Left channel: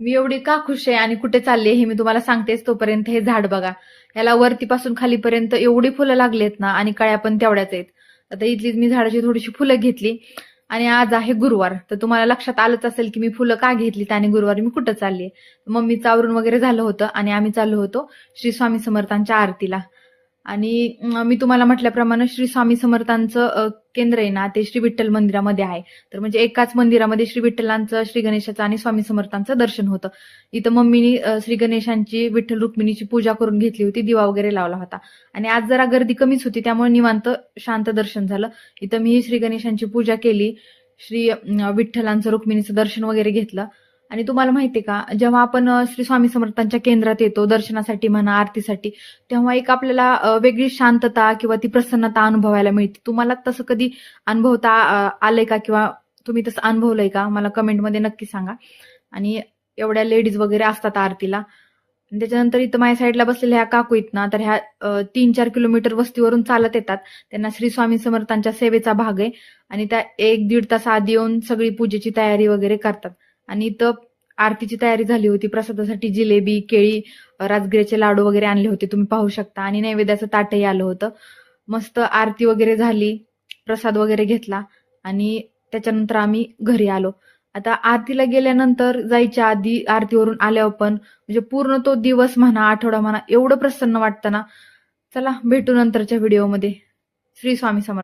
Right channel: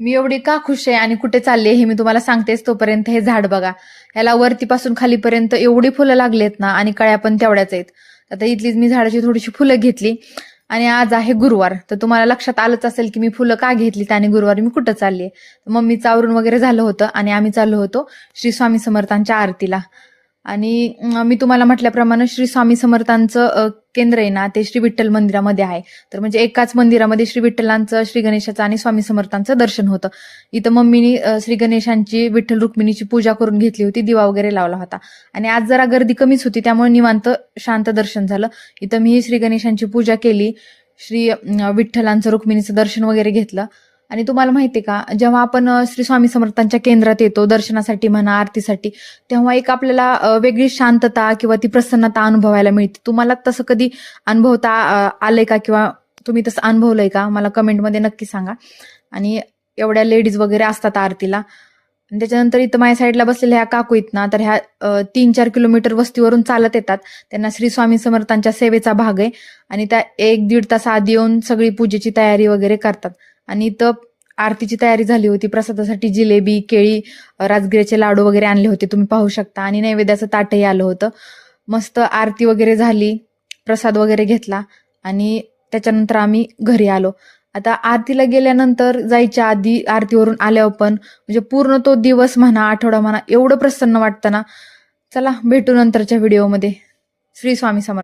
मी एवढी का खुश आहे आणि कुठे चालले हे मी तुम्हाला सांगतेच. तोपर्यंत हे झाड बघा, ह्याला वरतीपासून खालीपर्यंत एवढी फुलं लागलेत ना, आणि कळ्या पण तेवढ्याच आहेत. आता इथलीच मी झाडाची थोडीशी फुलं घेतली आणि आज आहे गुरुवार, तर तुम्हाला लक्षात आलंच असेल की मी फुलं का घेतलीत आणि गुरुवारी मी कुठं चालली. मम्मीचं आवरून वगैरे झालं होतं आणि आम्ही चाललो होतो श्री स्वामी समर्थांच्या आरतीला. आणि मी तुम्हाला म्हटल्याप्रमाणे श्री स्वामी समर्थांचं केंद्र आहे ना, ते श्री विठ्ठल मंदिरामध्ये आहे. तर म्हणजे एकाच मंदिरामध्ये श्री विठ्ठलांचं, श्री गणेशाचं आणि स्वामी समर्थांचं दर्शन होतं. इथं मम्मीनी श्री गणेशांची, विठ्ठल रुक्मिणीची पूजा करून घेतली होती, दिवा वगैरे लावला होता. आणि आज जरा गर्दी कमीच होती, त्यामुळे निवांत शांत दर्शन झालं. इथं मी श्री गणेशांची पूजा केली, श्री विठ्ठलांचं, रुक्मिणीचं दर्शन वगैरे घेतलं. आणि तुम्हाला माहितीये का, जेव्हा आपण श्री स्वामी समर्थांच्या केंद्रात येतो दर्शनासाठी म्हणा, आरतीसाठी, तेव्हा एक आपल्याला वेगळी शांतता किंवा ती प्रसन्नता अनुभवायला मिळते. तुम्हाला तसं कधी अनुभवता आलंय का, किंवा तुम्ही तसं अनुभवलंय का? मला कमेंटमध्ये नक्की सांगा. आणि एवढ्या लेडीज वगैरे असतात आरतीला. आणि त्याच्यानंतर इथं माझ्या साईडला बसलेल्या ह्या काकू आहेत ना, तर ह्या 3-4 किलोमीटर वस्तीवरून चालत येतात. त्यांना श्री स्वामी समर्थांच्या सेवेचा भाग आहे आणि त्या 1-1.5 तास आधी येऊन सगळी पूजेची तयारी वगैरे करतात. आणि इथं आरतीची तयारी झाली होती. प्रसादासाठी जिलेबी, केळी, राजगिऱ्याचे लाडू वगैरे आणले होते, तुम्ही पाहू शकता. आणि नैवेद्याचं ताटही आलं होतं. मस्त आरती वगैरे झाली, प्रसाद वगैरे घेतला आणि त्याच्यानंतर आम्ही घरी आलो. आता आरतीला गेल्यानंतर, जायच्या आधी, आरतीवरून आल्यावर पण म्हणजे पूर्ण तो दिवस म्हणा, आठवडा म्हणा, एवढं प्रसन्न वाटतं ना. चला भेटू नंतरच्या व्हिडिओमध्ये. श्री स्वामी समर्थ.